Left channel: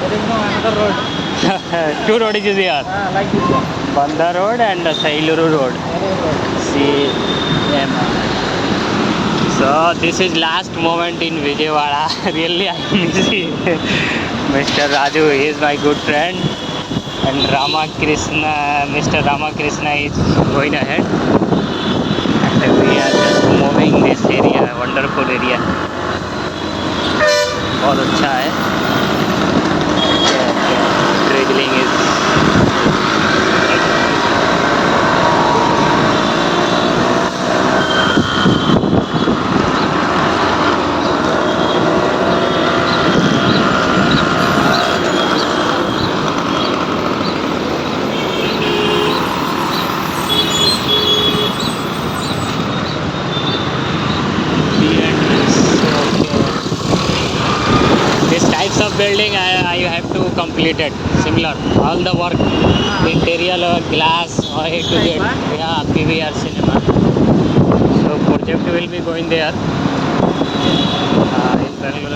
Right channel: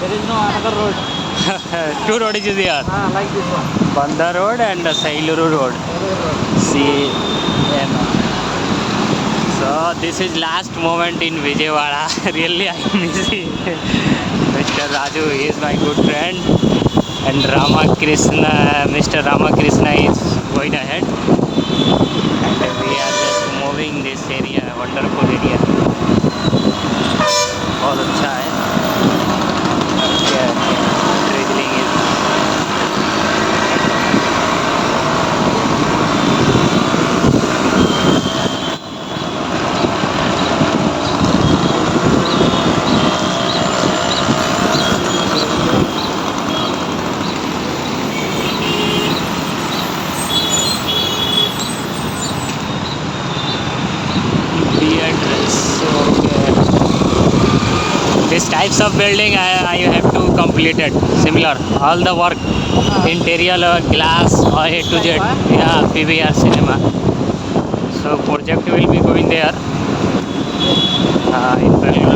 There is no another road. Two roads is here. Like this one. Banda Road and Sailuru Road. See, so this is last moment in Vijayawada. Really, I miss Mr. Raju. He is my good friend. And Mr. Ramakrishna is going ahead. And we are just moving this area, wonderful area. बहुत अच्छा है. Drizzling is. These types of building I have to complete it. Similar. All the work, interior, glass, A to Z. Yeah, PVR cinema. So project will be going there.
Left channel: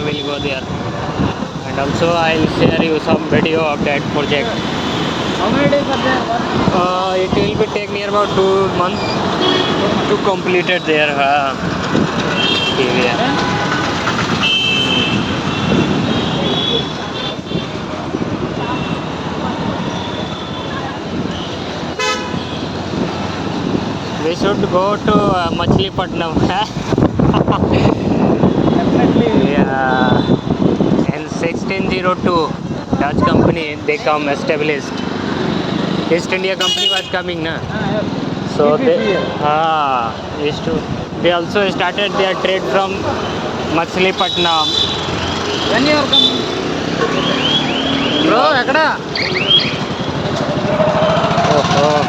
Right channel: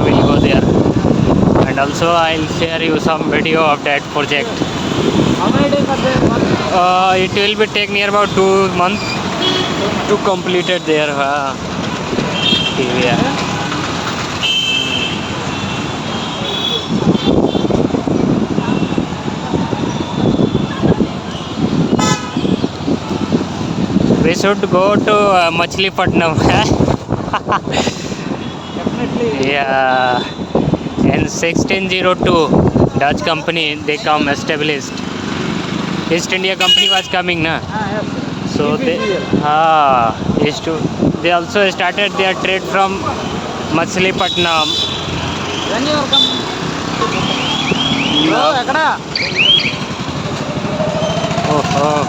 Will go there. And also I'll share you some video of that project. How many days are there? What? It will be take near about 2 months to complete it there. PVR. We should go to Machilipatnam. Definitely. Yeah. In 1602, Dutch company they come established. East India company was coming, na. Yes. So they BPCL. they also started their trade from Machilipatnam. When you are coming? Bro, ekada? Oh.